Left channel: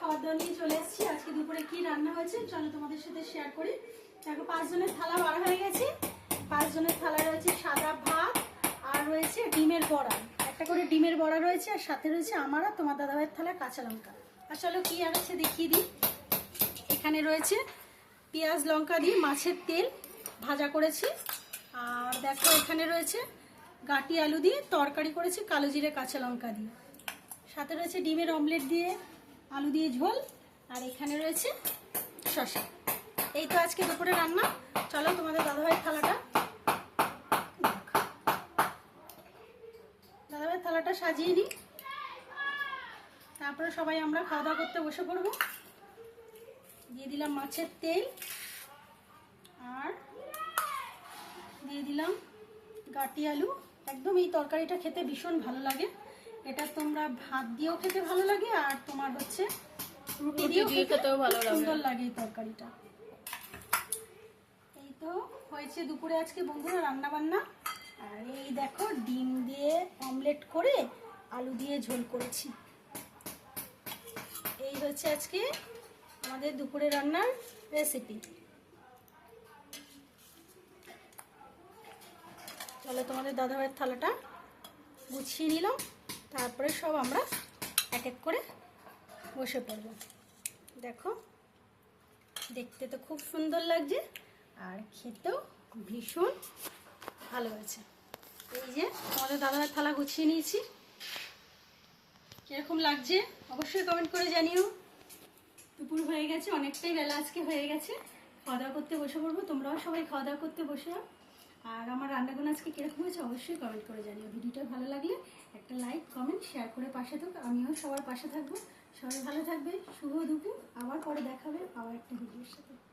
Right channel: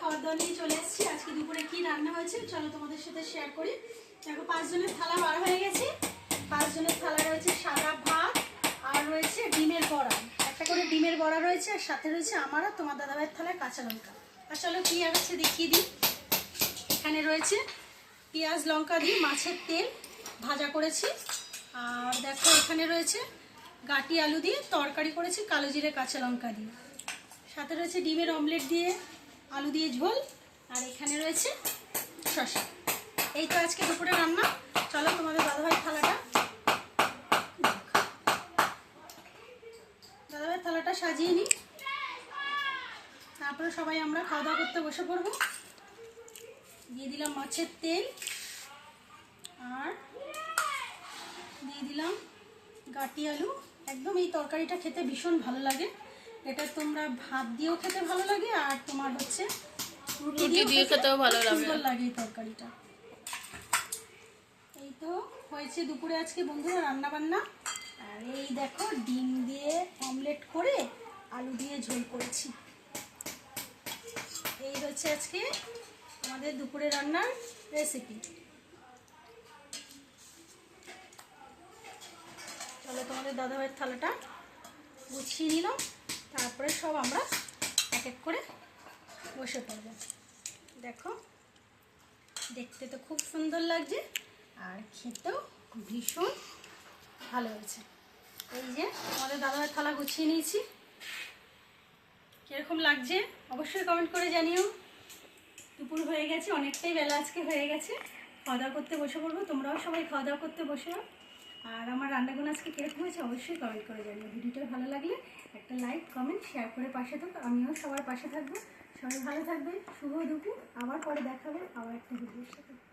খাবার দাওয়া নিয়ে চলে এসেছি। আজকে দুপুরে কি রান্না হয়েছে চলো তোমাদের সাথে শেয়ার করি। দেখো, পাঁচজনের থালা বার হয়ে গেছে। পাঁচজনের থালা রয়েছে সাদা ভাত আর রয়েছে ডিমের বড়া। একটা করে ডিমের বড়া রয়েছে আর সাথে রয়েছে আমার আর তোমার দাদাভাইয়ের থালায় কাঁচা লঙ্কা। আর চলো কি আছে দেখিয়ে দিই। এখানে রয়েছে পেঁয়াজ, লঙ্কা দিয়ে মাছের তেল ভাজা করেছি। আর দেখো, এখানে রয়েছে গাটি আলু দিয়ে তরকারি করেছি, কালো জিরে, কাঁচা লঙ্কা দিয়ে। সাথে রয়েছে ডিমের অমলেট দিয়ে আলু দিয়ে ঝোল, আর এখানে রয়েছে শসা। এই তো আজকে দুপুরে রান্না। চলো তোমাদের দাদাভাই থালাটা দাদাভাই থালাটা সাজিয়ে নিই। তারপরে সবাই আমরা খাওয়া দাওয়া করতে বসে পড়ব। দিয়ে দিলাম মাছের তেল, আর দিয়ে দিলাম গাটি আলু। একদম এই তরকারিটা খেতে ভীষণ ভালো লাগে। এটা তোমরা ভাত দিয়েও খেতে ভালো লাগে আর তোমার হচ্ছে রুটি দিয়ে খেতেও ভালো লাগে। সুন্দর লাগে এই তরকারিটা। এই তো হয়েছে দুপুরে আজকে বন্ধুরা রান্না বান্না আর এই দেখো ডিম দিয়ে অমলেট করে আলু দিয়ে ঝোল করেছি। এই হচ্ছে আজকে আমাদের দুপুরে রান্নার রেসিপি চলো তোমাদের দাদাভাইয়ের থালাটা গুছিয়ে নিলাম। তারপরে সব আমরা এক এক করে বসে পড়ব। দেখো, দেখতে তো খুব সুন্দর লাগছে আর খেতেও ভীষণ ভালো হয়েছে। এই যে আমাদের দাদাভাইয়ের থালা গুছিয়ে নিয়েছি। কীরকম লাগছে অবশ্যই কমেন্ট করে জানিও। দুপুর হয়ে গেছে, অনেকটাই বেলা আজকে হয়ে গেছে। খাওয়া দাওয়া করতে বসে পড়ব, তোমরাও সবাই খাওয়া দাওয়া করতে বসে আর আমার রান্নাগুলো আজকে কীরকম হয়েছে অবশ্যই কমেন্ট করে জানিও। ভিডিওটা ভালো লাগলে একটা লাইক কমেন্ট শেয়ার করে পাশে থাকো। আমিও সবার পাশে থাকব। সবাই ভালো থাকবে, শুভ দুপুর। আবার পরে দেখাবে আবার একটা ভিডিওর সাথে।